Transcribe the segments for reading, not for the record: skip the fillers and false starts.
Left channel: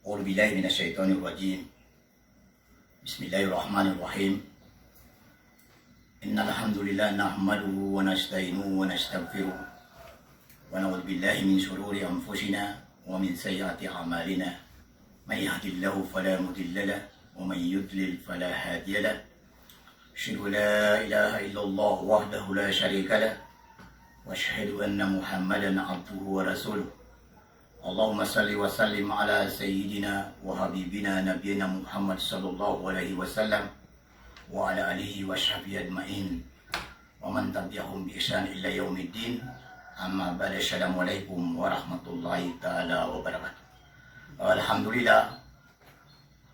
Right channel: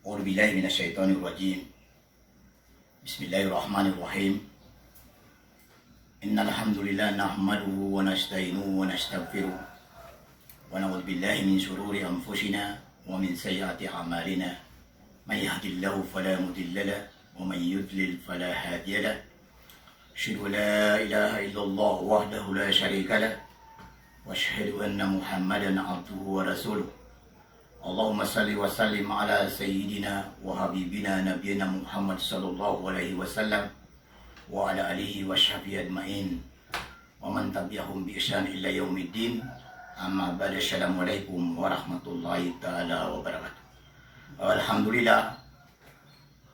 أعوذ بالله من الشيطان الرجيم. بسم الله الرحمن الرحيم. إن الحمد لله نحمده ونستعينه ونستغفره ونعوذ بالله من شرور أنفسنا ومن سيئات أعمالنا. من يهد الله فلا مضل له ومن يضلل فلا هادي له. أشهد أن لا إله إلا الله وحده لا شريك له وأشهد أن محمدا عبده ورسوله. اللهم صل وسلم على سيدنا وحبيبنا نبينا محمد صلى الله عليه وسلم وعلى آله وصحبه أجمعين ومن تبعهم بإحسان إلى يوم الدين. Amma ba'd. Assalamualaikum warahmatullahi taala wabarakatuh. Alhamdulillah,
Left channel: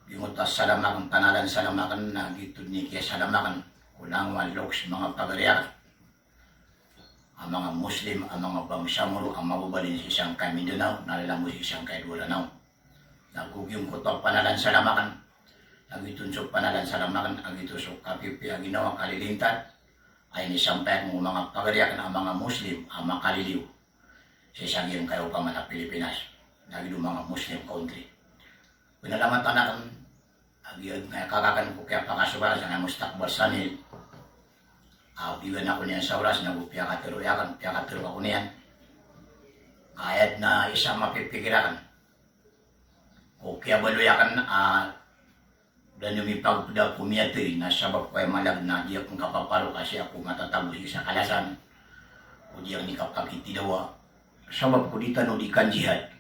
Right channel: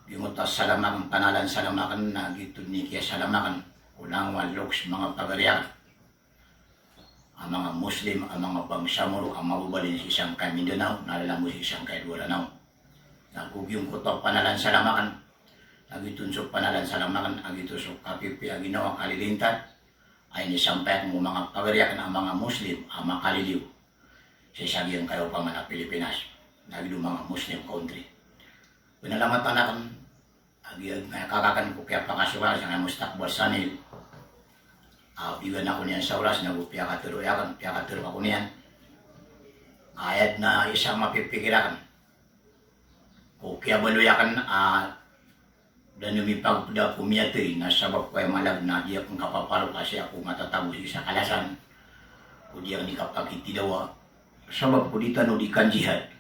gimutas salamakan panalan salamakan na gitu ni kaya salamakan ulang waloks mga pagariyak ang mga Muslim, ang mga bangsamuro, ang mabubalin sa isang kay Mindanao, nalalamu sa isang kay Duranao. Nagugyong ko to panalan salamakan, nagitunsok panalan salamakan, agitusok kapipi aginawa kalilintan, ay nisampay ng mga pagariyakan ang mga Muslim, ang makaliliw sa isang iyong kayo pa man na Pilipinas, nagilo mga Muslim country. Pinalamat anakan, kakakan ko kaya pakasuba sa nga mustakbal sanil. Iwan ako niyan sa oras, nagupiyakatiro ako niyan. Kahit na isang mapipikirakan. O kaya baluyakan, dan lumipag da pumiyatoy na sabab ko ay malag na di akong kapaparo kasi ako matatagos sa kalasan. O di akong nikapakitidawa. Sabab ko dito no di kan jihad.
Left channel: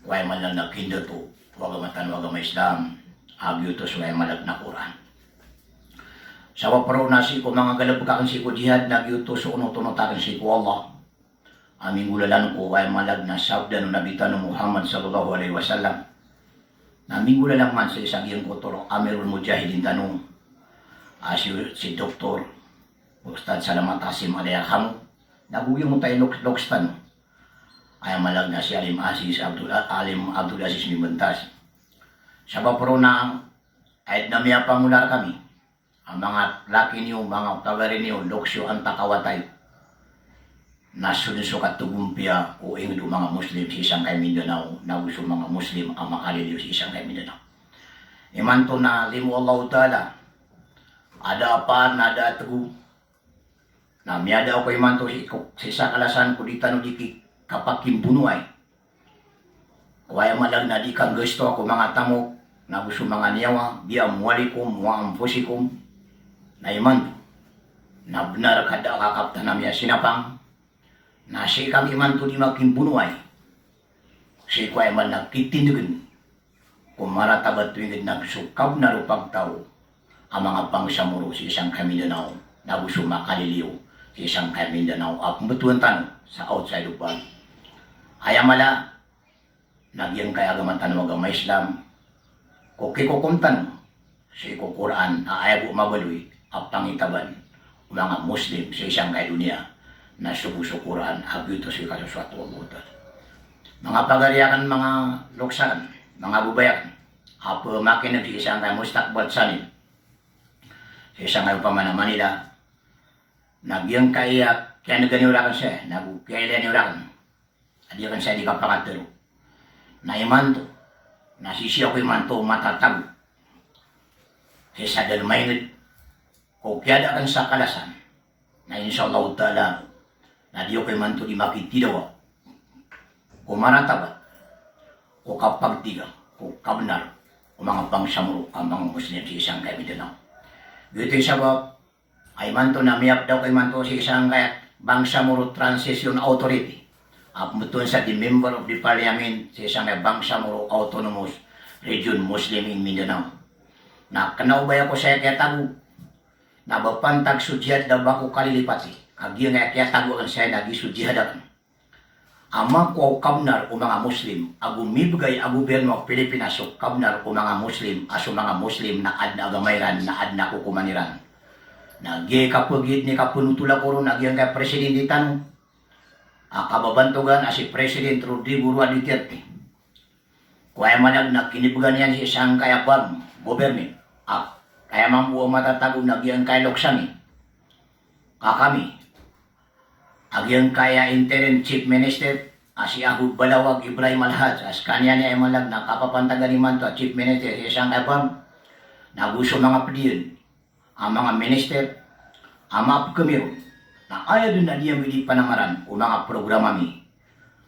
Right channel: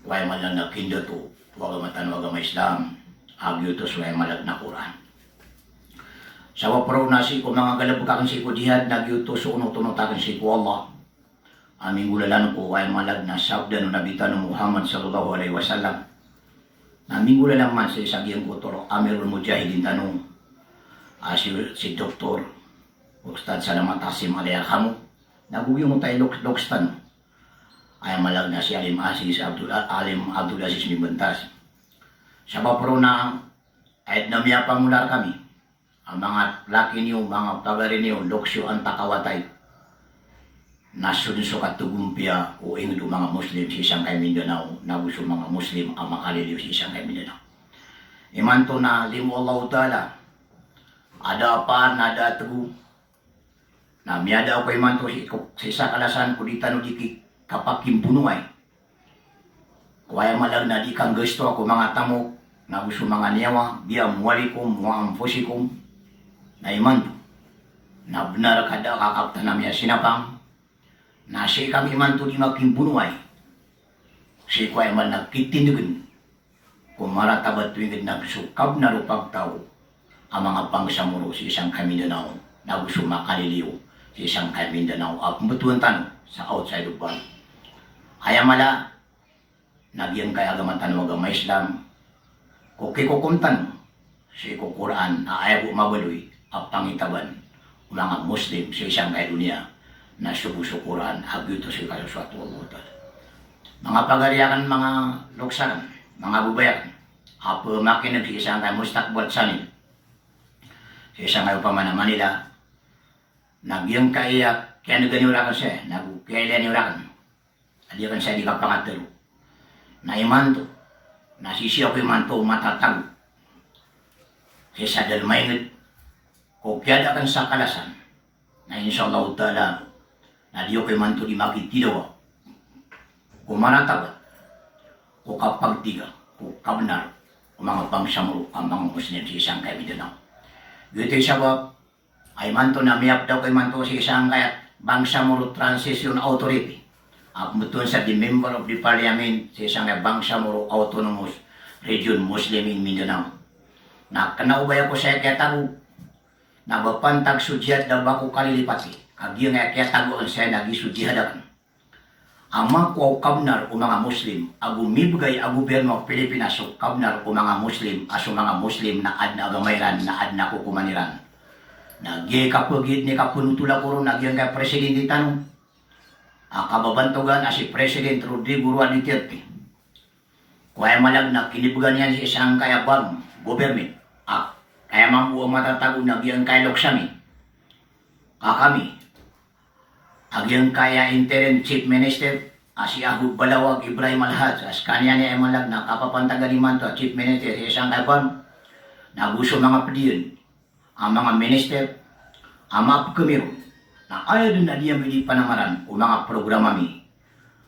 Kaya malang nakinda to, wagamatan wagama Islam, agyo to suway malag na Quran. Sa waparo na si ko mga galabkakan si ko jihad, nagyuto so uno-tunotakan si ko Allah. Aming gulalan ko ay malag na sabda no nabitan no Muhammad sallallahu alaihi wasallam. Naming gulalan man sa isang iyang kuturo, Amirul Mujahidin tanong, si Dr. Ustad Salamat Asim Alayakamu, nabugyo mo tayo lokstan. Ay malag na si Alim Abdul Aziz Mibantas. Sa waparo na ay namiya pangular kami. Ang mga laki niyo, mga pagari niyo, loksyo ang takawatay. Nasunod at tugumpia o ingin mga Muslim sa isang kay Mindanao, naguso mga Muslim ang makaliliw sa isang kay Mindanao. Imanto na limu Allah Ta'ala, ada pa, nada tugu, na miyada ako imanto sa isa kalasan ko di tanong di kapag kimpunuay. Kaya malag na di kang gusto ako mga tamo, naguso mga niyawa, biya muwalikum, muampusikum, na iman na benar kada kakapta namya sinapang na si kami man to di magkimbunuay si kuay man nagkitindugan kung maratabat tuwing nagsukab na rupag tao ang mga pangsamuro si isang Mindanao na gusto makaliliw si isang Mindanao at mutuantan sa outside of world. Ayamala nagyan kay agamantan wagama Islam kukikukumtan si Quran na ayaw mabaloy ang pangitaban mga Muslim sa isang dunia na subusukuran hagyuto sa kasuswatu Allah. Mga pagariyakan, mga luksakan, mga bubayakan, apa makin di isang mustakbal sanil sa isang paman na Manila nagyang kaya nagganiulakan siya, nagkailan adiyakan siya di kapangatero na imanto nasisiya ko imanto matatag sa dalmayngit o kaya kan sa kalasan na insyaAllah ta'ala na diyo kay manto di makitidawa o maratabat o kapagtiga o kabnar o mga pangsamuro ang mga Muslim sa isang kay Mindanao. Gito'y sabab ay manto na miyap daw kay manto sa isang kay Bangsamoro Transition Authority at mutun sa the member of the parliament sa isang kay Bangsamoro Autonomous Region Muslim in Mindanao. Na kanaubay ako sa kaya tago na bapantag sudyad na bako kalilipati. Agyo nga kaya tago ang siya nagisudyadakan. Ang mga kabnar o mga Muslim, agumibigay ang gobyerno ng Pilipinas o kabnar o mga Muslim, aso mga Muslim na adna agamayran, na adna kukumaniran. Nagyay kapagid ni kapunutula ko ron, nagyang kay Presidente tanong. Ang kababantugan si President Rodrigo Roa Duterte. Kaya malag na kinibugan yan si isang kayabang gobyerno. Kaya mamuha matatago nagyang kay Loksami. Kakami. Agyang kaya interim chief minister si Ahud Balawag Ibrahim Alhaj, as kanya niya ay malag na kapapantaganiman to Chief Minister sa isang kapan, naguso mga pediyon, ang mga minister, ang mga pagkamiro, na ayaw doon na diya hindi panamaran o mga programa mi,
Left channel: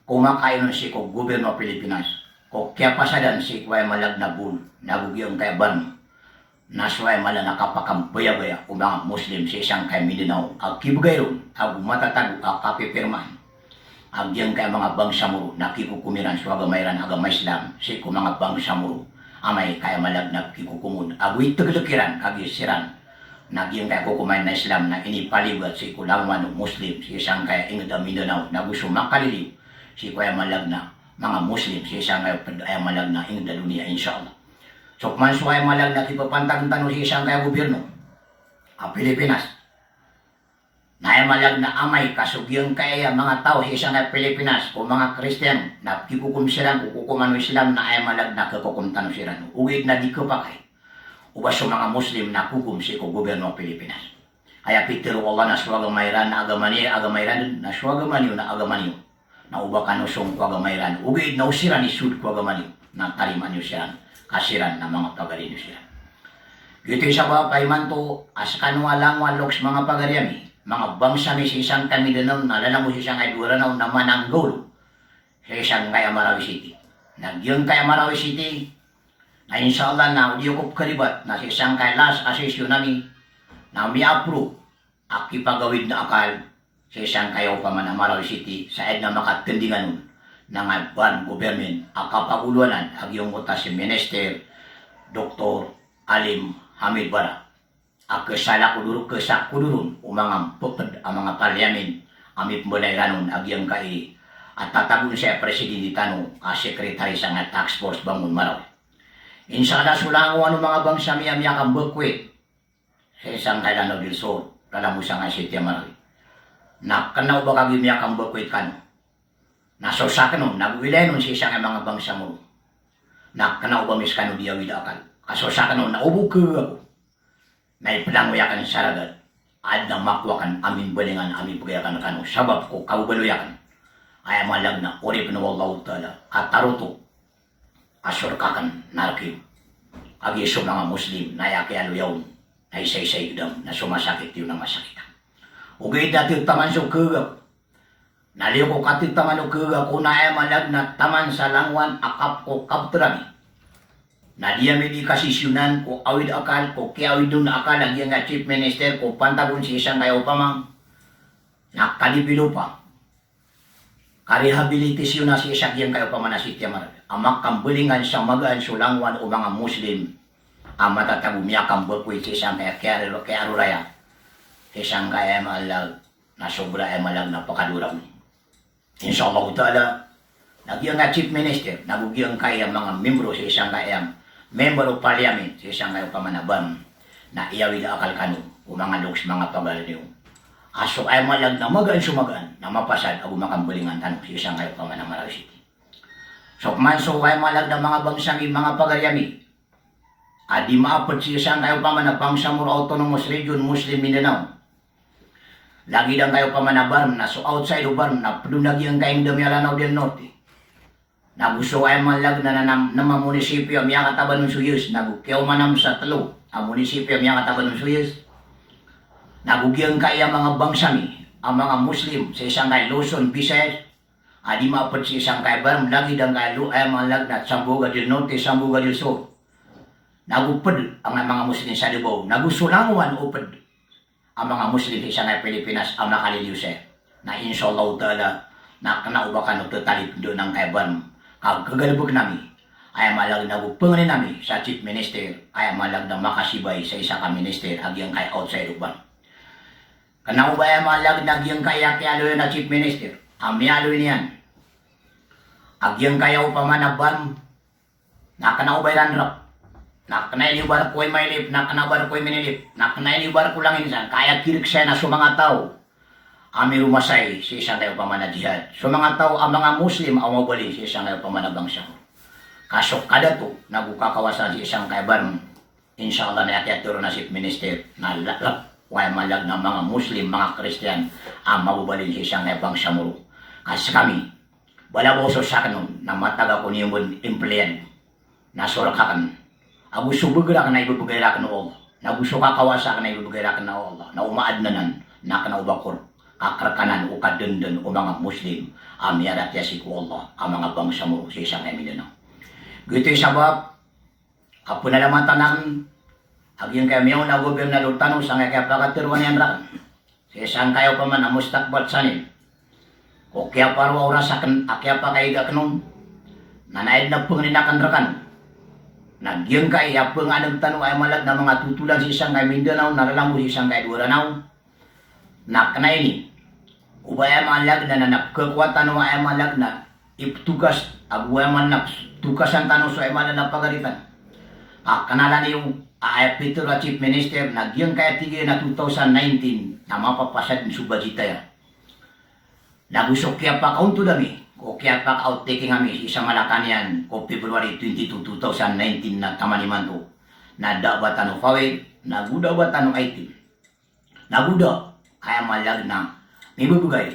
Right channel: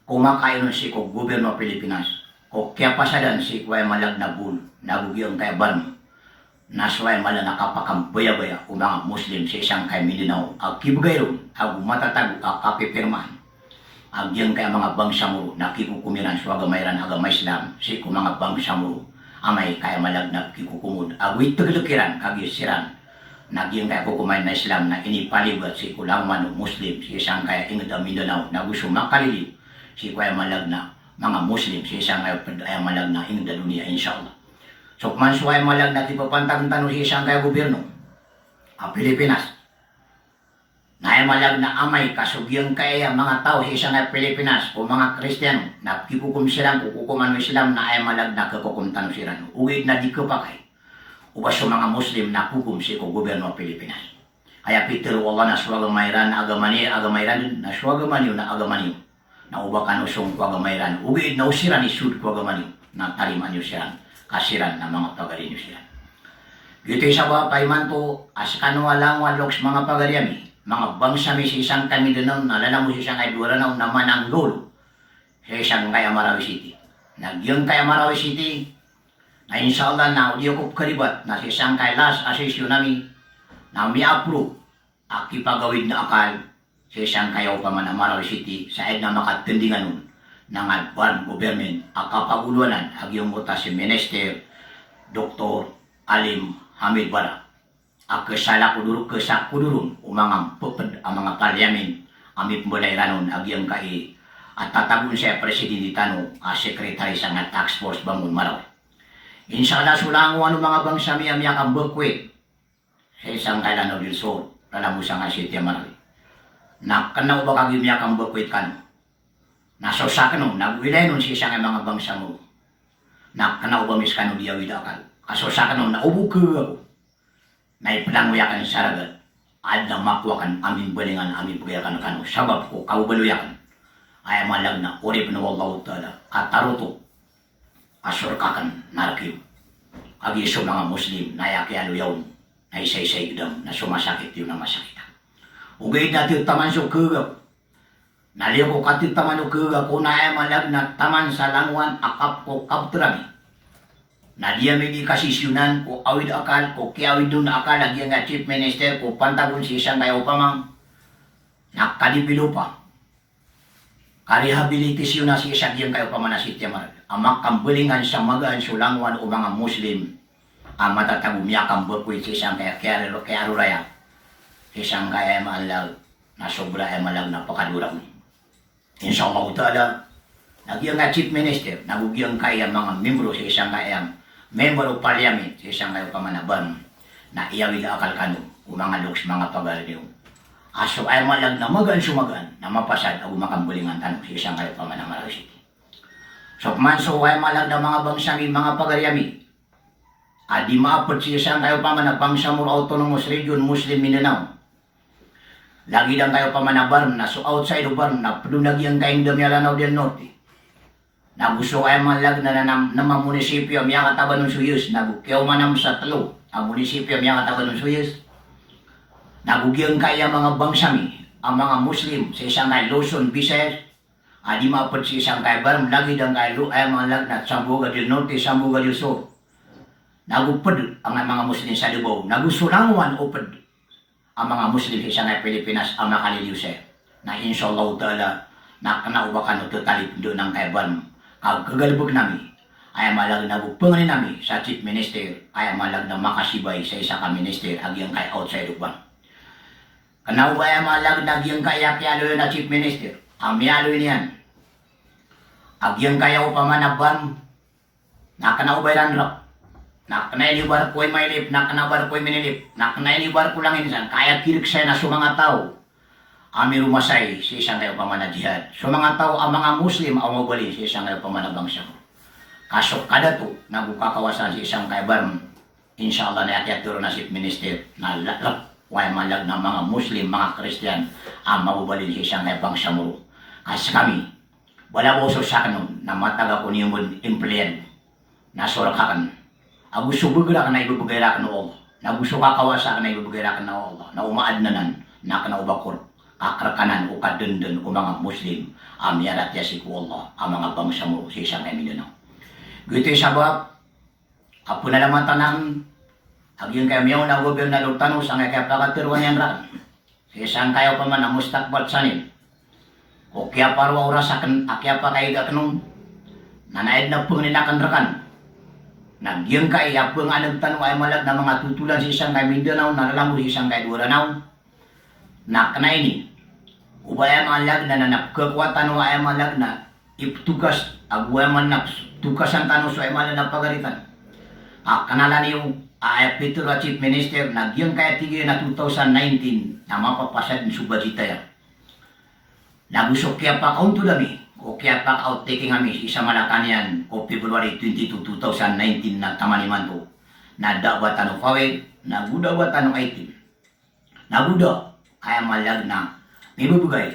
kumakain si ko gobyerno Pilipinas, o kaya pasadan si kuway malag na bul, nagugyong kaya ban, nasway malag nakapakambaya-baya o mga Muslim sa isang kay Mindanao, ang kibugayron, ang matatag, ang kapipirman, ang diyang kaya mga bangsamuro, nakikukumiran sa agamayran agamay Islam, si ko mga bangsamuro, amay kaya malag na kikukumod, agoy taglukiran, kagisiran, nagyang kaya kukumain na Islam na inipalibat si kulawan ng Muslim, si isang kaya ingad ang Mindanao, na gusto makalili, si kaya malag na mga Muslim, si isang kaya malag na ingad ang dunia, insyaAllah. So, manso ay malag na tipapantang-tanong si isang kaya gobyerno, ang Pilipinas, na ay malag na amay kasugyang kaya mga tao sa isang kaya Pilipinas, o mga Kristiyano, na kikukum silang, kukukuman ng Islam na ay malag na kakukumtan silang, ugid na di ko pa kay, uba sa mga Muslim na kukum si ko gobyerno Pilipinas. Kaya Peter wala na suwagamairan na agamairan na suwagamaniyo na agamaniyo. Na uba ka nusong kuagamairan. Ugid na usiran isud kuagamaniyo na tariman niyo siya kasiran na mga pagarin niyo sila. Gito isa ba paiman to as kanuwalang waloks mga pagariami. Mga bangsa mi si isang Mindanao na lalamu si isang kay Duranao na mananggol sa isang kay Marawi City. Nagyong kay Marawi City na inshallah na udiyokop kalibat na si isang kay last asesyon namin na mi-approve ang kipagawid na akal sa isang kayaw pa man na Marawi City sa ed na makatindingan nun ng alban government ang kapaguluanan ang iyong buta si Minister Dr. Alim Hamid Bara ang kesakudurun umang pupad ang mga parliamen amip mulay ranon ang iyong kai at tatagun siya Presidente Tano Secretary sa nga Task Force Bangun Marawi. Inshallah sulango ano mga bangsa mi ang yakang bukwit sa isang kailano del Sur, kalamu sa nga City Marawi. Na kanaw ba kag yakang bukwit kan? Nasosa kanon, nagwilay nun si isang mga bangsa mo. Na kanaw ba mis kano diawid akal? Kasosa kanon, naubog ka ako. Na ipalanguyakan sa ragal. Ad na makwakan amin balingan, amin pagayakan kano. Sabab ko, kaubaluyakan. Ay malag na, urip na wallahu ta'ala. At taruto, asurkakan narkiw. Agi sa mga Muslim na yakialo yawn na isay-say gudam na sumasakit yun ang masakitan. Ugay dati taman sa kagaw. Naliw ko katid taman sa kagaw kung na ay malag na taman sa langwan akap ko kabtrami. Na diya may di kasisyunan ko awid akal ko kiawid doon na akal lagi nga Chief Minister ko pantagon si isang kayo pamang nakalipilo pa. Karehabilitasyon na si isang kayo paman na sitya marag. Amak kambulingan sa magaan sulangwan o mga Muslim ang matatagumya kambukoy sa isang kaya aruraya isang kaya malag na sobra ay malag na pakadurang. Inshallah ta'ala nagyang nga Chief Minister nagugyang kaya mga membro sa isang kaya member of parliament sa isang kaya pamanaban na iyawid akal kano o mga luks mga pagalyo. Aso ay malag na magaan sumagaan na mapasad o makambulingan tanong sa isang kaya pamanamaraw City. So, manso ay malag na mga bangsang mga pagaryami. Adi maapot siya siyang kayo pa man na Bangsamoro Autonomous Region Muslim Mindanao. Lagi lang kayo pa man na barn na so outside of barn na padunagyan kayong Damialanaw del Norte. Nagusto ay malag na mga munisipyo ang yakataban ng Suyos. Nagukyaw manam sa talo ang munisipyo ang yakataban ng Suyos. Nagugyang kaya mga bangsami ang mga Muslim sa isang kay Luzon, Visayas. Adi maapot si isang kay barang lagi dang kay ay malag na Sambuga del Norte, Sambuga del Sur. Nagupad ang mga Muslim sa Davao. Nagusulanguan upad ang mga Muslim sa isang kay Pilipinas ang nakaliliw siya. Na inshallah ta'ala na kanaubakan o tatalip doon ng kay barang. Kagalabog namin ay malag na bupanganin namin sa Chief Minister ay malag na makasibay sa isa ka Minister agyang kay outside of barang. Kanauba ay malag na agyang kay akyalo na Chief Minister. Ang miyalo niyan. Agyang kayaw pa man na ban, nakanaubay ranrap, nakanailibar ko ay mailip, nakanabar ko ay minilip, nakanailibar ko lang insan, kaya kirik siya na sa mga tao, ami rumasay si isang kayo pa man na jihad. Sa mga tao, ang mga Muslim ang mabalin si isang kayo pa man na bangsa. Kaso kada to, nagukakawasan si isang kayo barm, inshallah na yatiro na si Minister, na lalap, way malag na mga Muslim, mga Christian, ang mababalin si isang kayo bangsa mo. Kasi kami, balaboso sa kanon na mataga ko niyo empleyado na surakakan. Agusto bugrak na ibubugayrak na Allah. Nagusto kakawasak na ibubugayrak na Allah. Na umaadnanan na kanaubakor kakrakanan o kadundun o mga Muslim amyarat yasi ko Allah ang mga bangsa mo sa isang eminyo. Gito sabab apo na naman tanan aging kayo miyaw na gobernador tanong sa nga kaya pagkatiruan yan rakan. Sa isang kayo pa man ang mustakbat sanin. O kaya parwa orasakan akya pa kayo gakanong nanaid na pong ninakan rakan. Nagyang kay apong anong tanong ay malag na mga tutulan sa isang kay Mindanao nalalang mo sa isang kay Duranao. Nakna ini ubaya malag na napkakwatan o ay malag na iptukas agway man na tukasan tanong so ay malag na pagalitan kanalan yung Peter Chief Minister nagyang kaya tigil na 2019 na mapapasad ng subadita yan nagusok kaya pa kaunto dami o kaya pa ka-outtaking kami isa Malacanang o February 22, 2019 na tamaniman ko na dabatan o kawin nagudabatan o 18 naguda kaya malag na ibubugay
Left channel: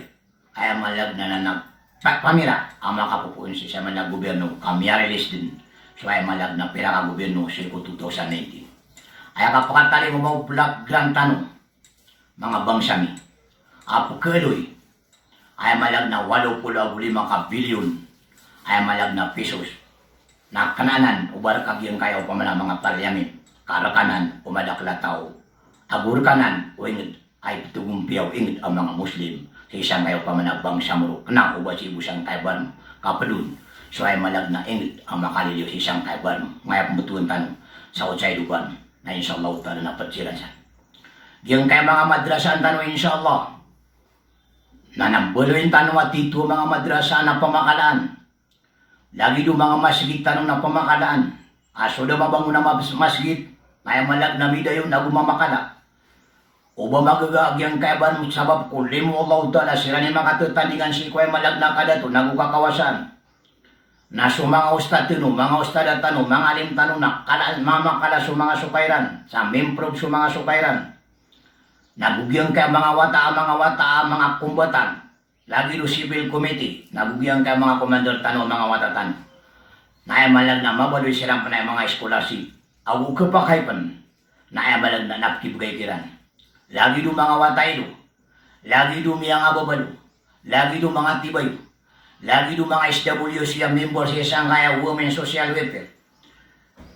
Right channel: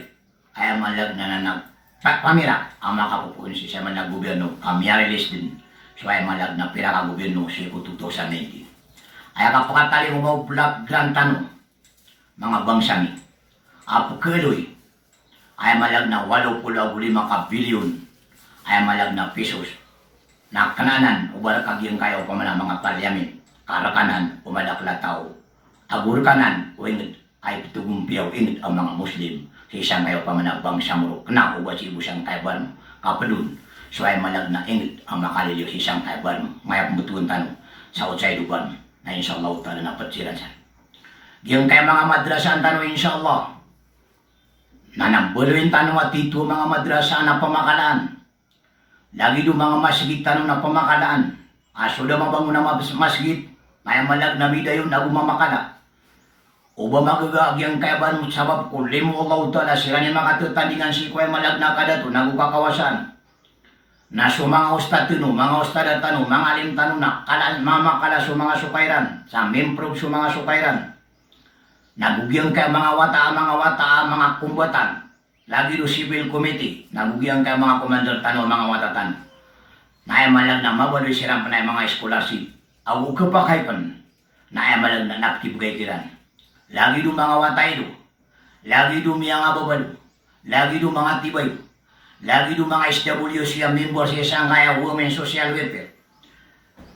kaya malag na pamira ang makapupuin siya man na gobyerno kamiyarilis din so ay malag na pira ka gobyerno siya ko 2019 ay kapakatali mo ba black grand tanong mga bangsami apo keloy ay malag na 85 bilyon ay malag na pesos na kananan ubar kagyang kayo pa man mga parliament karakanan umadaklataw agurkanan o ingid ay tugumpiyaw ingit ang mga Muslim sa isang kayo pamanabang samurok na uba si ibusang kaiban kapadun so ay malag na ingit ang makaliliw sa isang kaiban ngayap butuan tanong sa utsay duban na inshallah ta'ala na patsiran sa yung kay mga madrasa ang tanong inshallah na nambuloy tanong at dito mga madrasa na pamakalaan lagi do mga masjid tanong na pamakalaan aso daw mabango na masjid ay malag na midayon na gumamakala o ba magagagyang kaiban sabab kung limo Allah ta'ala sila ni mga tutandingan si kuya malag na kada to nagukakawasan na so mga ustad tino, mga ustad at tano, mga alim tano na mamakala so mga sukairan sa memprov so mga sukairan nagugyang kaya mga wata, mga kumbatan lagi do civil committee nagugyang kaya mga komandor tano, mga watatan na ay malag na mabaloy silang panay mga scholarship awu kapakaipan na ay malag na napkibugay kiran lagi do mga watay do, lagi do mga babalo, lagi do mga tibay, lagi do mga SWC ang member sa isang kaya Women Social Welfare.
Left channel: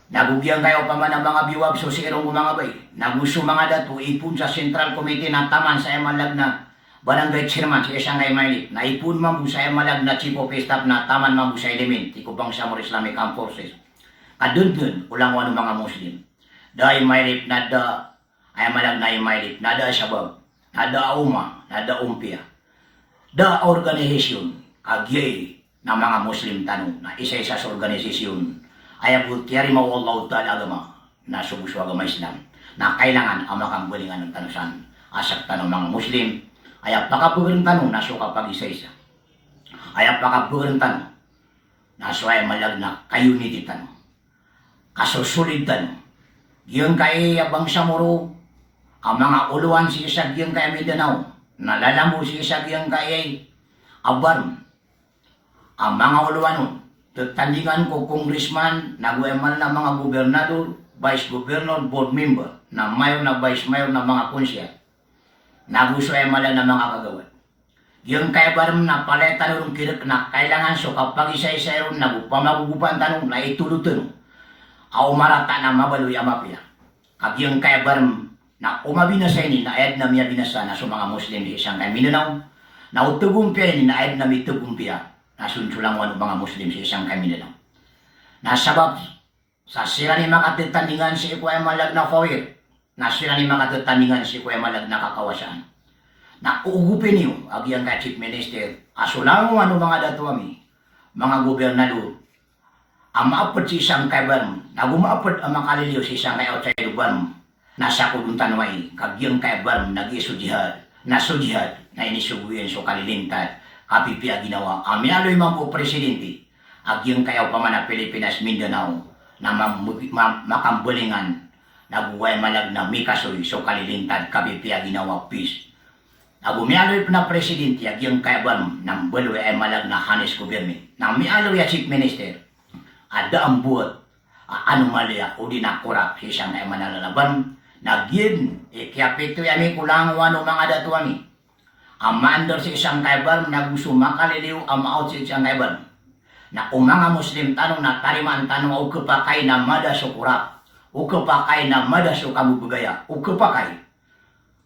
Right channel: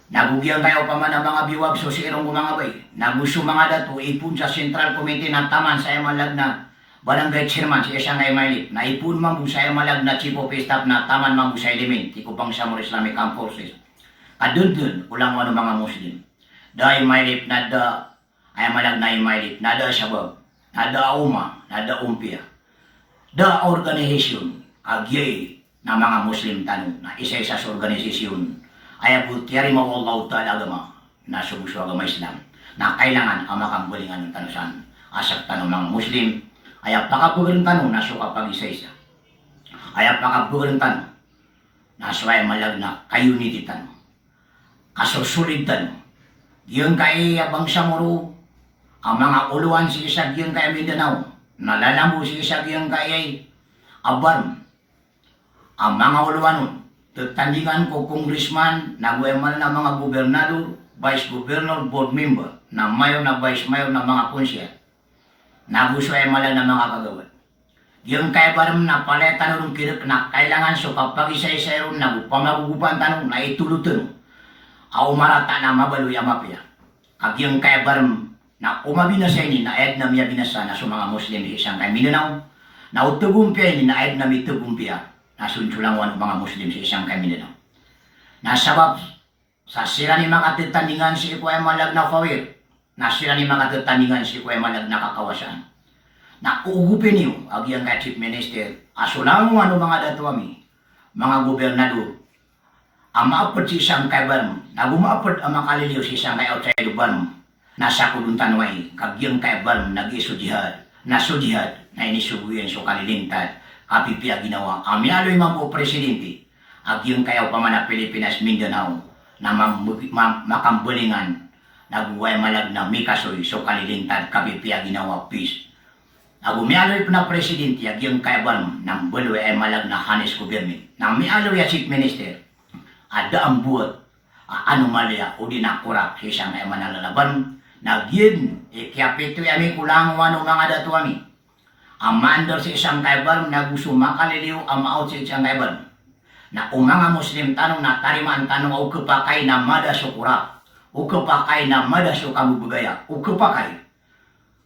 Nagugyang kayo pa man ang mga biwag so si irong mga bay. Naguso mga dato ipun sa Central Committee na taman sa malag na barangay chairman sa isang kay Maylip. Na ipun mabu sa malag na chief of staff na taman mabu sa element. Tikupang Samar Islamic Armed Forces. Kadun ulang wano mga Muslim. Dahil Maylip na da ay malag na imaylit, nada sabab, nada uma, nada umpia. Da organisasyon, agyay na mga Muslim tanong na isa-isa sa organisasyon ay abutiyari mo Allah ta'ala agama na subuswa agama Islam na kailangan ang makambulingan ng tanusan asak tanong mga Muslim ay apakabugang tanong na suka pag isa-isa. Ay apakabugang tanong na suway malag na kayuniti tanong. Kasusulid tanong. Yung kay abang samuro ang mga uluan si Isagyang kay Mindanao, nalalambo si Isagyang kay Abarm. Ang mga uluan nun, tutandingan ko congressman, nagwemal na mga gobernador, vice governor, board member, na mayor na vice mayor na mga konsyal. Naguso ay malang na mga kagawad. Yung kay Abarm na paletan ng kirik na kailangan so kapag isa-isa ron nagupamagugupan tanong na itulutun. Au marata na mabaloy ang mapya. Kag yung kay Abarm na umabi na sa ini na ayad na miya binasa na sa mga Muslim sa isang kay Mindanao na utugumpia ini na ayad na mitugumpia na sunsulangan mga Muslim sa isang kay Mindanao na sabab sa sira ni mga tetandingan si Ikuya malag na kawir na sira ni mga tetandingan si Ikuya malag na kakawasan na uugupin niyo agyang kay Chief Minister asulangan ano mga datuami mga gobernador ang maapod si isang kay Barm na gumaapod ang makaliliw si isang kay outside Barm nasa kuduntan way kagyang kay Barm nag-iso jihad na inisubuyan so kalilintad kapipia ginawa amyaloy mga presidente agyang kayaw pa man na Pilipinas Mindanao na makambulingan naghuway malag na mikasoy so kalilintad kapipia ginawa peace Agumialoy pa na presidente, yung kaiban ng balwe ay malag na hanes gobyerno. Nang mialoy ya chief minister, ada ang buot, anomalya o di nakurap si isang ay manalalaban, nagyin, ikiapito yami kulang wano mga datuami. Amandor si isang kaiban, naguso makaliliw, amaot si isang kaiban. Na umanga Muslim tanong na tarimaan tanong o kapakay na mada sukurap, o kapakay na mada sukabubugaya, o kapakay.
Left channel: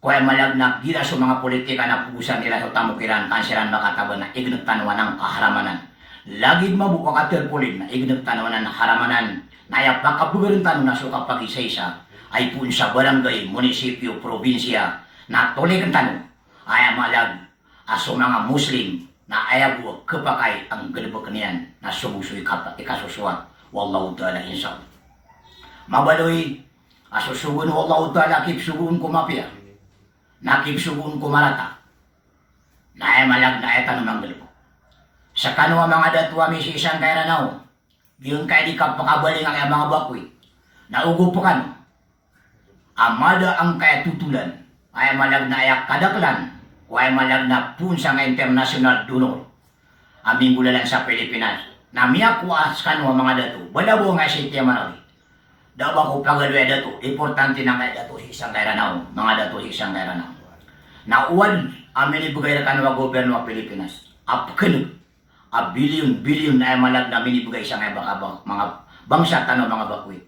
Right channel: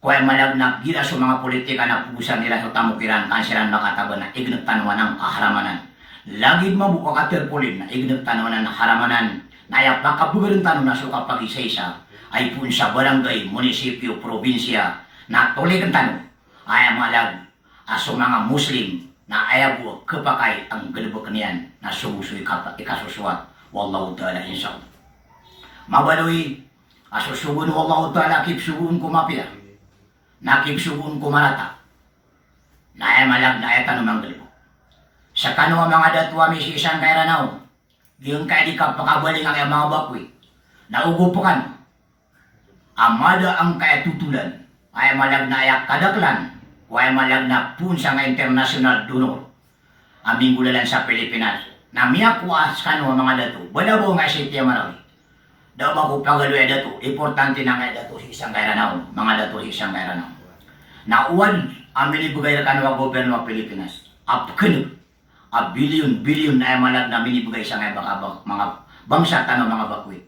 Kaya malagnak gila sa mga politika na pugusan nila sa tamukiran, kansiran makataban na ignag tanawan ng kaharamanan. Lagid mabuka katerpolin na ignag tanawan ng haramanan, na ayaw pakabugarin tanong na suka pag-isa-isa, ay pun sa barangay, munisipyo, probinsya, na tulik ang tanong, ay malag aso mga Muslim, na ayaw kapakay ang galibok niyan na sumusuy ikasusuat. Wallahu ta'ala insaw. Mabaloy, asusugun wallahu ta'ala kipsugun kumapya. Nakipsugun kumarata. Na ayaw malag na ayaw tanong ang galibok. Sa kano ang mga datuami si isang kairanaw, yung kaya di kapakabaling ang mga bakwi, naugo pa kano. Amada ang kaya tutulan, ayaw malag na ayaw kadaklan, kaya malag na punsa nga international donor. Aming gulalan sa Pilipinas. Na miyakuas kano mga dato. Balabo nga si Tia Marawi. Daw ba ko pagaluya dato. Importante na nga dato si isang kairanaw. Mga dato si isang kairanaw. Na uwan amin ibigay na kano ang gobyerno ng Pilipinas. Apkan. A billion na malag na minibigay sa mga bangsa tanong mga bakwi.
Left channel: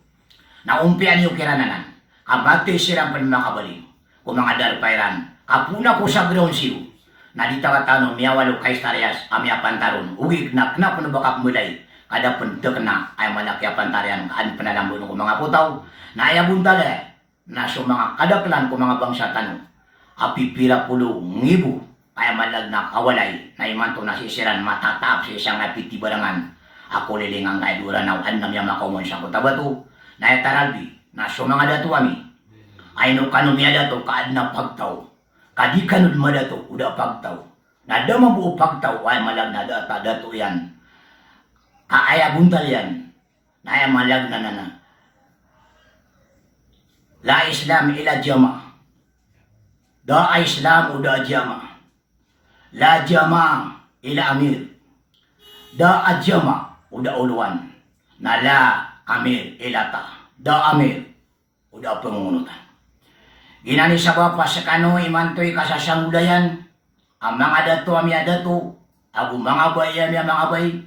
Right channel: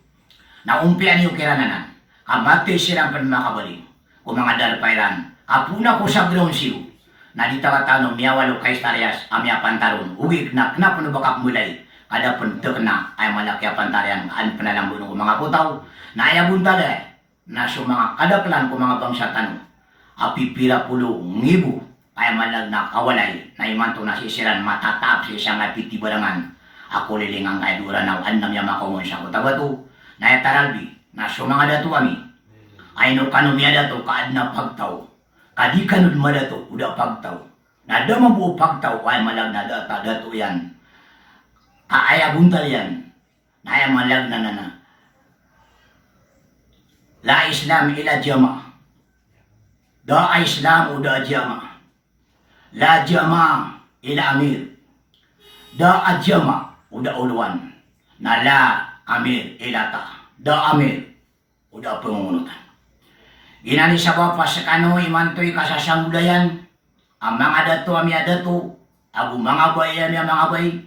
Na umpian yung kirananan. Kamati silang panmakabaling. Kung mga darpairan. Kapuna ko sa ground zero, na di tanong miyawalo kay Starias, amya pantaron, ugig na knapuno bakap mulay, kada puntok na ay malaki pantarian, an panalambuno ko mga putaw, na ayabuntala, na so mga kadaklan ko mga bangsa tanong, apipira pulo ngibu, ay malag na kawalay, na imanto na sisiran matatap sa isang apiti barangan, ako lilingang kaidura na andam niya makumon sa kutabato, na etaralbi, na so mga datuami, ay no kanumiya dato kaad na pagtaw, kadi kanod madato udah pagtaw. Nada mabuo pagtaw ay malag na data dato yan. Kaaya buntal yan. Naya malag na nana. La Islam ila jama. Da Islam udah jama. La jama ila amir. Da ajama udah uluan. Na la amir ila ta. Da amir udah pengungutan. Ginani sa bapa sa kano imantoy kasasangulayan, ang mga dato amya dato, agu mga bayan ya mga bay,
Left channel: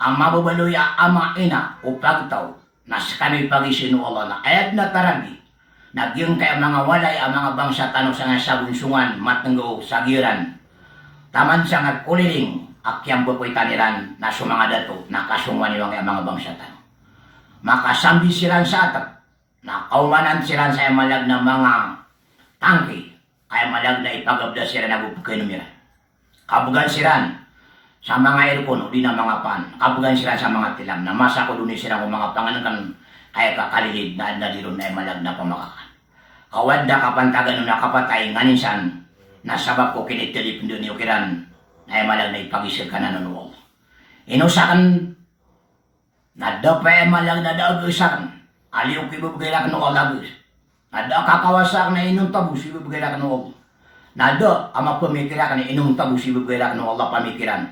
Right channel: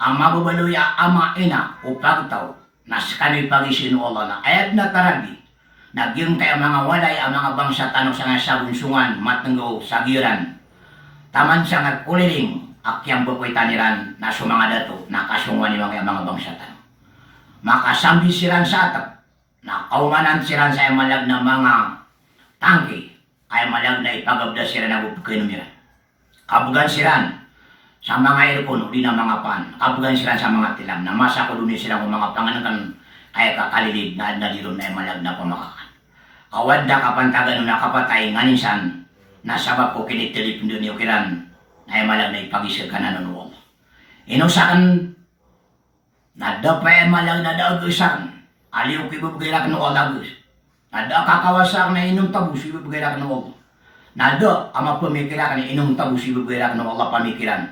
ang mababaloya ama ina o pagtaw, na sa kano'y pagisino Allah na ayat na taragi, nagyong kaya mga walay ang mga bangsa tanong sa nga sabunsungan, matenggo, sagiran, taman sa nga kuliling, akyang bukoy taniran, na sa mga dato, nakasungan niwang mga bangsa tanong. Makasambi siran sa atap, na kaumanan siran sa malag na mga tangki, ay malag na ipagabda sila na bupukay numiran. Kabugan silan sa mga aircon, di na mga pan. Kabugan silan sa mga tilam, na masa ko dun sila kung mga panganan kaya kakalilid na naliron na malag na pamakakan. Kawad na kapantagan na kapatay nganisan, na sabab ko kinitilip doon yung kiran, ay malag na ipagisir ka na nunuwag. Inusakan, na dapay malag na daagasan, aliw kibubigay na kano alagos. Nada kakawasak na inong tabus, ibibigay na ng Allah. Nada ama pemikiran na inong tabus, ibibigay na ng Allah pamikiran.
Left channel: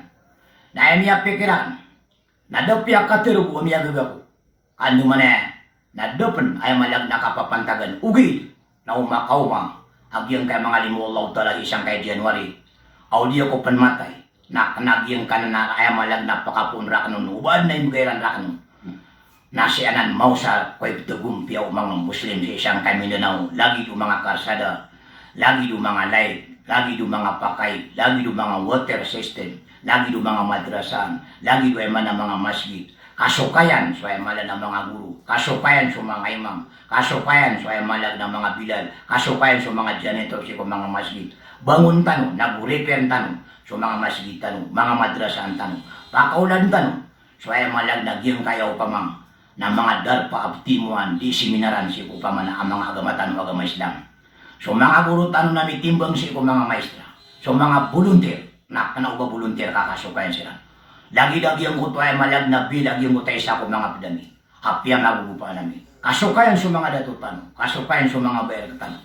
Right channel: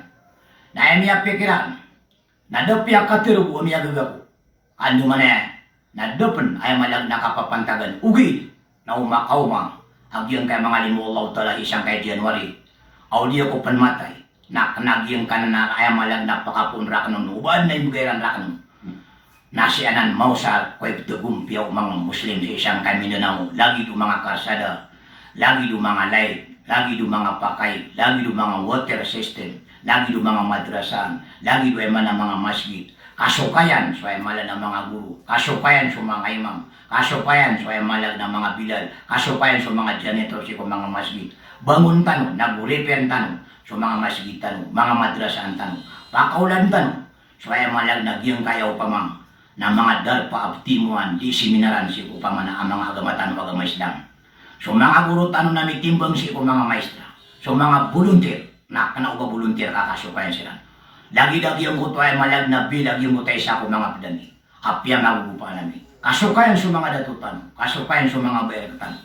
Na emiya pikiran, nada piyak katirubu, emiya gagapu. Ano man nada pen ay malag nakapapantagan. Ugid, na umakaumang, agyang kay mga limu Allah tala isang kay January. Audio ko panmatay, na kanagyang ka na ay malag napakapunra ka nun, ubad na ibigay ran nun. Nasianan mau sa koy tagumpiyaw mga Muslim sa isang kay Mindanao, lagi do mga karsada, lagi do mga light, lagi do mga pakay, lagi do mga water system, lagi do mga madrasan, lagi do man ang mga masjid. Kasukayan so ay malag ng mga guru, kasukayan so mga imam, kasukayan so ay malag ng mga bilal, kasukayan so mga janitor sa mga masjid. Bangun tanong, naguripen tanong, so mga masjid tanong, mga madrasan tanong, pakaulan tanong, so ay malag nagyang kayaw pamang, na mga darpa abtimuan di seminaran si upamana ang mga agamatan o agama Islam. So mga guru tanong na may timbang si mga maestra. So mga volunteer, na kanauga volunteer kakasukayan sila. Lagi-lagi ang kuto ay malag na bilagi mo tayo sa ako mga pedami. Happy ang nagugupa namin. Kasukayan sa mga datutan, kasukayan sa mga bayar tanong.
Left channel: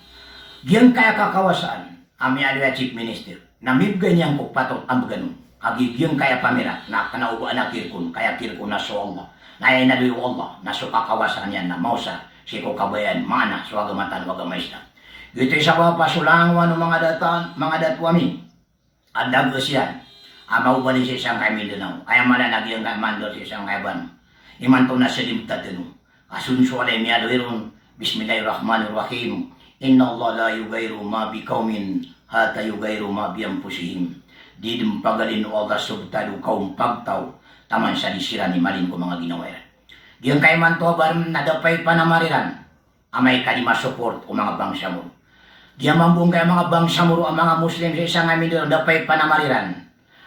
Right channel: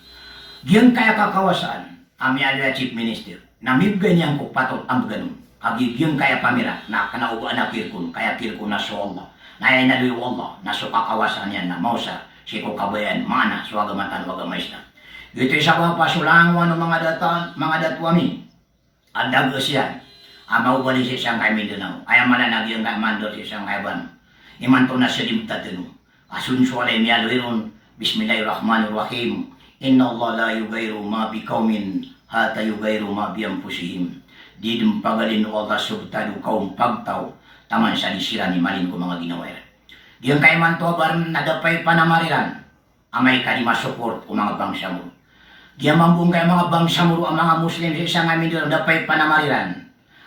Diyan kaya kakawasaan, ami alwa chief minister namibgay niyang ko patot ang ganun agigyan kaya pamira na kanauba na kirkun kaya kirkun na so Allah na ay naluyo Allah na so kakawasan yan na mausa si ko kabayan mana so agamatan wagamaisna dito sa papasulangan ng mga datwami ang dagos yan ang maubali sa isang kay Mindanao ay malanagyan ka mandor sa isang kaiban iman to na silimta dito asunsualay niya luiron Bismillahirrahmanirrahim Inna Allah la yugayru ma biqaumin hatta yugayru ma bi anfusihim. Di pagalin o Allah subtado kaum pagtaw taman sa disira ni malin ko mga ginawa. Diyan kay man to baram nadapay panamariran amay kalima support o mga bangsa mo. Diyan mambung kay mga bangsa mo ang mga Muslim sa isang amin doon dapay panamariran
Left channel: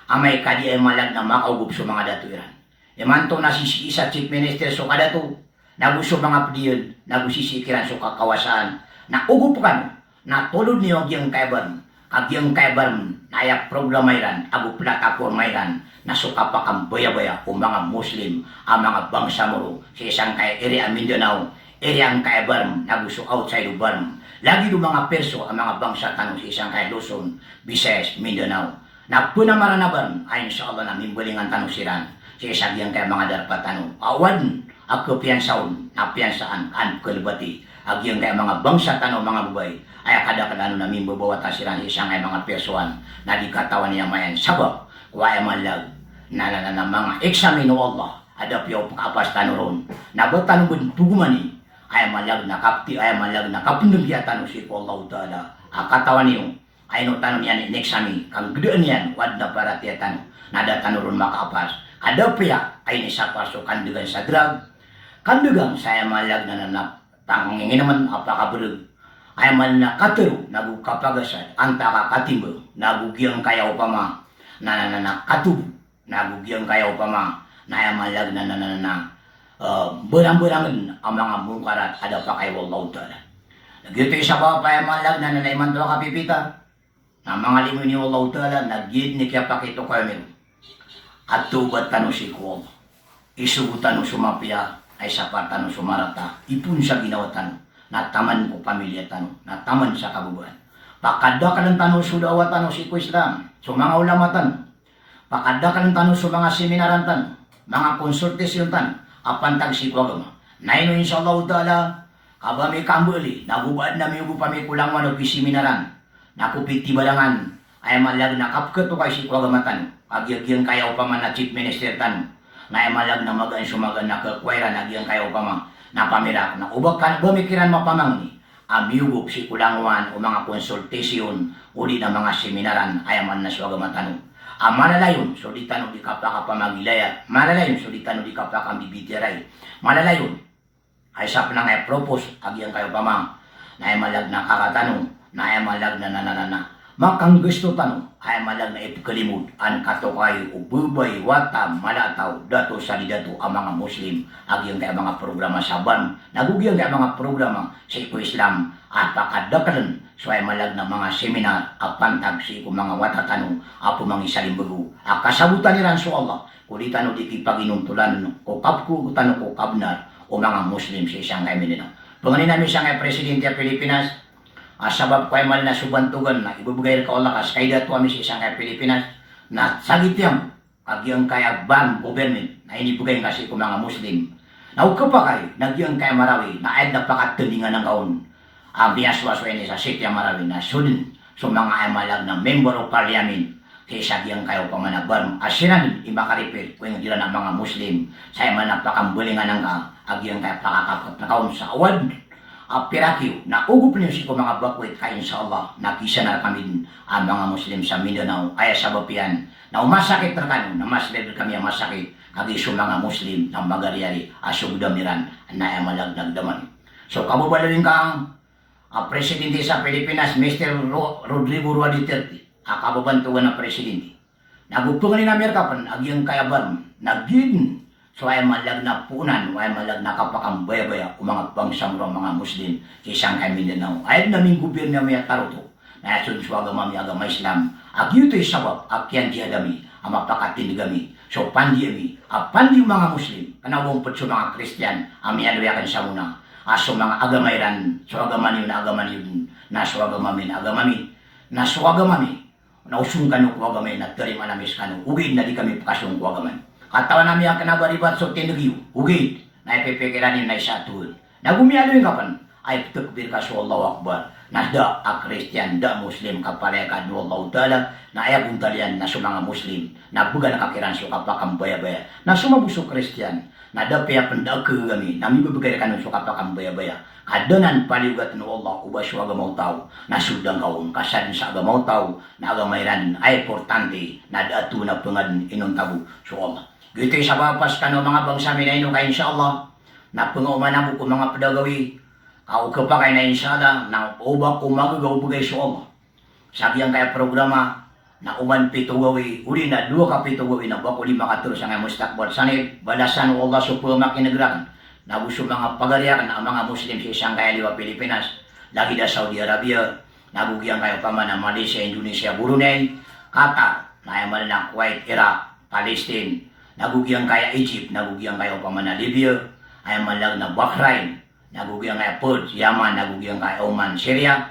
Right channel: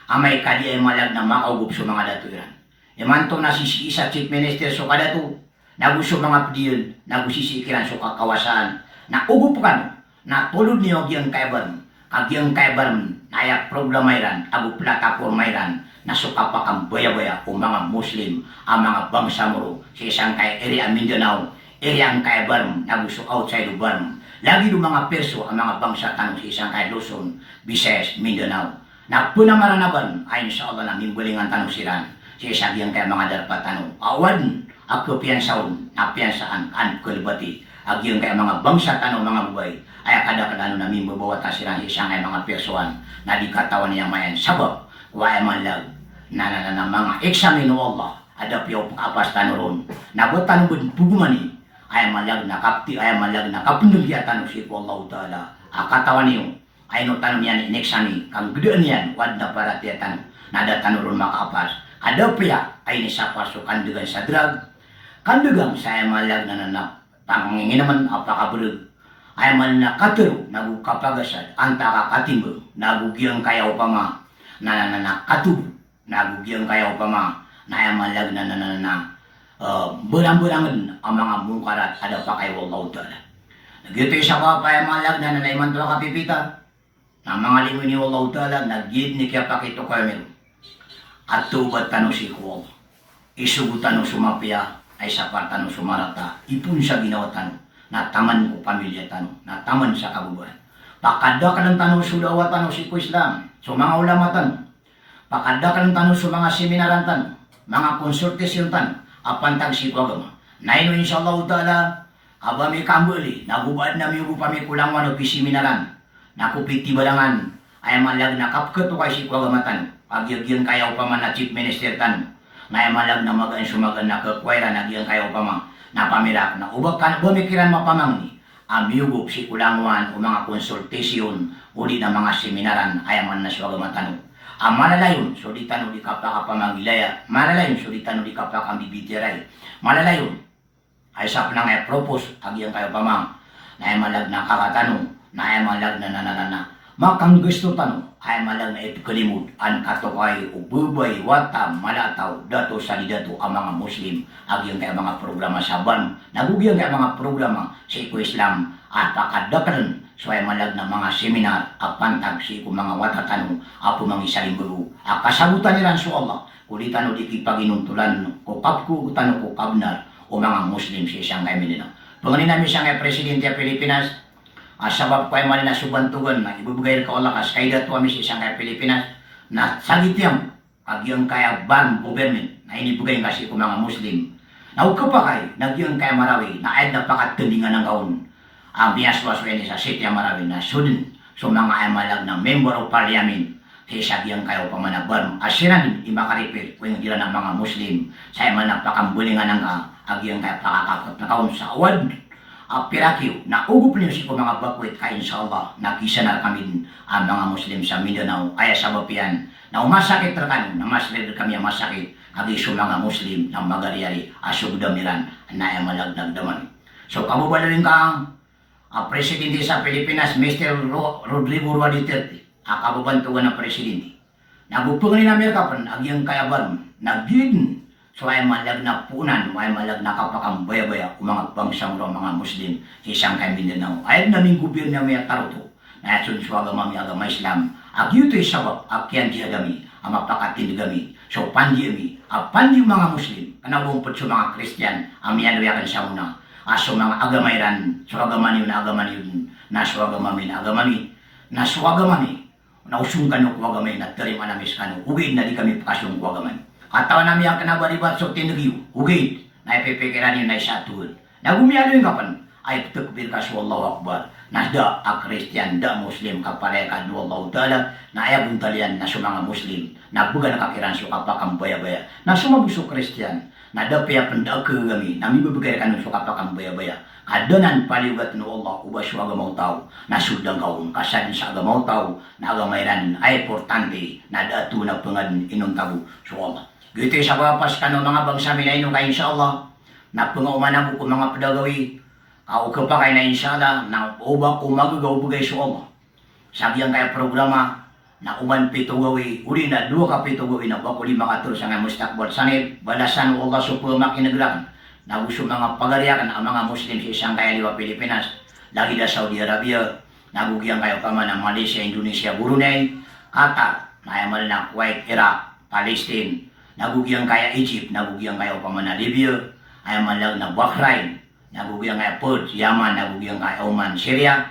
amay kadi ay malag na makaugup sa mga datuiran. Iman to na si isa chief minister so kada to naguso mga pediyon nagusisikiran so kakawasaan na ugup kan na tulod niyo gyang kaiban agyang kaiban nayak programairan agu plataformairan na sukapakang baya-baya o mga Muslim ang mga bangsa mo sa isang kay area Mindanao area ang kaiban naguso outside of Barm lagi do mga perso ang mga bangsa tanong sa isang kay Luzon, Visayas, Mindanao na punamaranaban ay inshallah na mimbulingan tanong siran sa isang gyang kay mga darpat tanong awan ako piyansaon na piyansaan kan kulbati agyang kay mga bangsa tanong mga buhay ay kada-kadano namin bubawata sila isang ay mga persoan na di katawan niya mayan sabab kuwaya man lag na mga eksamin o Allah ada piyaw pakapas tanoron na botan bugumani ay malag na kapti ay malag na kapundugya tanong si Allah Ta'ala katawan niyo ay no tanong yan eksamin kang gedaan yan wad na para tiya tanong nada tanoron makapas ada piya ay nisapasukan dengan sa drug kandugang saya malag na nanap tangingin naman apakabrug ay man na katero nagukapagasan antaka katimbo nagugyang kayaw pa ma na katubo nagugyang kayaw pa ma na ay malag na berang-berangan ang mga mungkarat ada pa kay Allah Ta'ala nagyuto isa pa ay malag na nanayman to kapipita na mga limo ni Allah Ta'ala nagyid ni kaya pakito kayo meron at tubat tanong si ko isugutan ng sumapya ay sapatan ng sumarata, ipun sa ginawa tanong, na taman ko pamilya tanong, na taman sa kabubuhan. Pakada ka ng tanong sudawa tanong si ko Islam, so mga ulama tanong. Pakada ka ng tanong sa mga seminaran tanong, mga konsultasyon tanong, apantag si ko agama. Naino insyaAllah Ta'ala, abami kambuli, nagubad na miugo pa may kulang wano piseminaran, nakupiti balangan, ay malag na kapketo kay si ko agama tanong, agyagyan kayaw pa man na chief minister tanong, na malag na magan sumagan na kakwera na diyan kayo pa na pamirak na ubag kan bumikiran mapamang ni amiyugop si kulangwan o mga konsultasyon o di na mga seminaran ayaman na siya matanong malalayon so di tanong di kapaka pamagilaya malalayon so di tanong di kapaka bibitiray malalayon ay sap na nga propose agyan kayo pamang na ay malag na kakatanong na ay malag na makang gusto tanong ay malang na ipkalimod ang katokay o bubay, watam, malataw, dato sa dato ang mga Muslim agyang kaya mga programa sa ban nagugyang kaya mga programa sa Islam at pakadakalan so ay malag na mga seminar at pantag si mga watatanong apo mga isalimbago kasabutan nilang so Allah kuli tanong di kipaginuntulan ko kapku tanong ko kabnar o mga Muslim sa isang kaya mininaw panganin namin siya nga Presidente ng Pilipinas sabab ko ay mali na subantugan na ibubigay ka Allah kas kaya dato kami sa isang kaya Pilipinas na sagitiyam agyang kaya ban government na inibugay kasi ko mga Muslim na ukapakay nagyang kaya Marawi na ay napakatulingan ng kaon ang biyaswas ni sa City Marawi na sudin so mga ay malag ng member of parliament sa agyang kaya pamanaban asiran imakaripit kung yung ng mga Muslim sa ay napakabulingan ng agyang kaya pakakakot na kaon sa awad pirakyo na ugup niyo si ko mga bakwit kaya inshallah nakisa na kami ang mga Muslim sa Mindanao kaya sabab yan na umasakit rakan na mas level kami ang masakit kagi sa mga Muslim ng magaryari asugdamiran na ay malagdagdaman so kabubalawin ka Presidente sa Pilipinas Mr. Rodrigo Roa Duterte kabubantuan ng Presidente nagupungan ni Amerika pan agyang kayabar nagin so ay malag na punan, ay malag na kapakambaya-baya o mga bangsang mga Muslim sa isang kay Mindanao. Ay naming gobyerno may taruto na sunsuaga mami agama Islam. Agyuto yung sabab, akyan di agami, ang mapakatindigami. So pandi yung mga Muslim, kanawumpot sa mga Christian, ang miyaluyakan sa una. So mga agamayran, so agaman yun na so agamami, na suwagamami, na usung kanu kuwagamay na terima namis kanu, ugid na di kami pakasyong kuwagamay. Katawan namin ang kanabaribat so tinagyo, ugid na ipipikiranin na isatul. Nagumiyado yung kapan, ay takbir ka sa Allahu Akbar, na da a Christian, da Muslim, kapalay ka do Allah Ta'ala, na ayabong talian na sa mga Muslim, na buga na kakiran so kapakang baya-baya, na sumabuso Christian, na da paya pendak kami, na mibibigay ka nun so kapakang baya-baya, kadanan paliwat no Allah, ubas so agamaw tao, na sudang kaon, kasan sa agamaw tao, na agamayran ay importante, na datu na pangad inong tabu so Allah. Gito sa papas ka no mga bangsa na inong ka inshallah, na pangaumanabo ko mga padagawi, kau kepakai na inshallah, na ubak ko magagaw bugay sa Allah. Sabi ang kaya programa, na uman pito gawi, uli na 2 ka pito gawi na bako 5 katur sa nga mustakbal. Sanay, balasan o Allah sa pumak inagrakan, na gusto mga pagariakan ang mga Muslim sa isang kaya liwa Pilipinas, lagi da Saudi Arabia, nagugyang kayo kama na Malaysia, Indonesia, Brunei, Qatar, na yamal na Kuwait, Iraq, Palestine, nagugyang kaya Egypt, nagugyang kayo kama na Libya, ayamal lang na Bahrain, nagugyang kaya Perth, Yaman, nagugyang kaya Oman, Syria,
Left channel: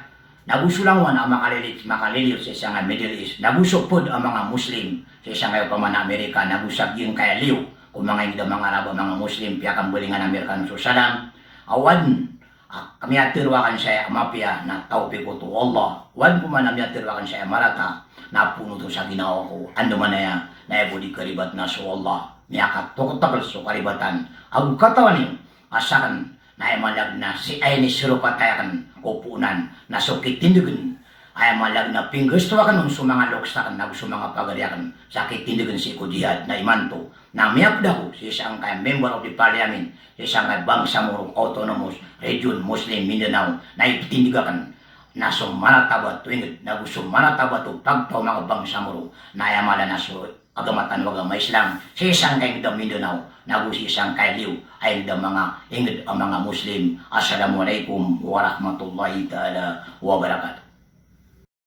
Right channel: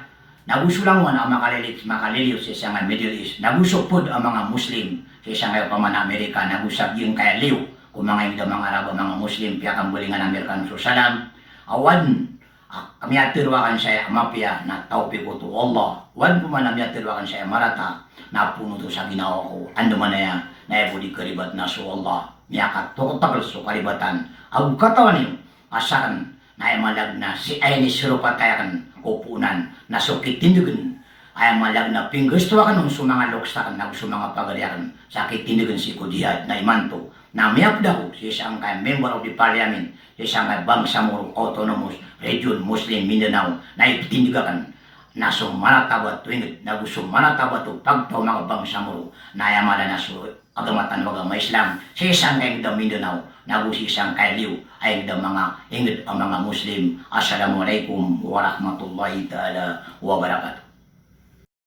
nagusulangon ang makaliliw sa isang Middle East, nagusupod ang mga Muslim sa isang kayo paman Amerika, nagusabyong kaya liw, kung mga hindi mga Arabo, mga Muslim, piya kambulingan Amerikano so salam, awan, kami atirwakan saya mapya na taupi ko to Allah, wan po man kami atirwakan saya marata, na puno to sa ginawa ko, ando man na ibo di karibat na so Allah, niyakat tokot-takal so karibatan, ang katawan niyo, asakan, na ay malag na si ay ni sirupat kaya kan kupunan na sukit tindugan ay malag na pinggusto ka nung mga loksakan na gusto mga pagaliakan sakit tindugan si Kudiyad na imanto na miyapda ko si isang kaya member of the parliament si isang kaya Bangsamoro Autonomous Region Muslim Mindanao na itindugan na sumanatabat tuwing na gusto manatabat o pagtaw mga Bangsamoro na ayamala na so agamatan wag Islam si isang kaya Mindanao nagusi isang kailiw ay mga ingid ang mga Muslim. Assalamualaikum warahmatullahi ta'ala wabarakatuh.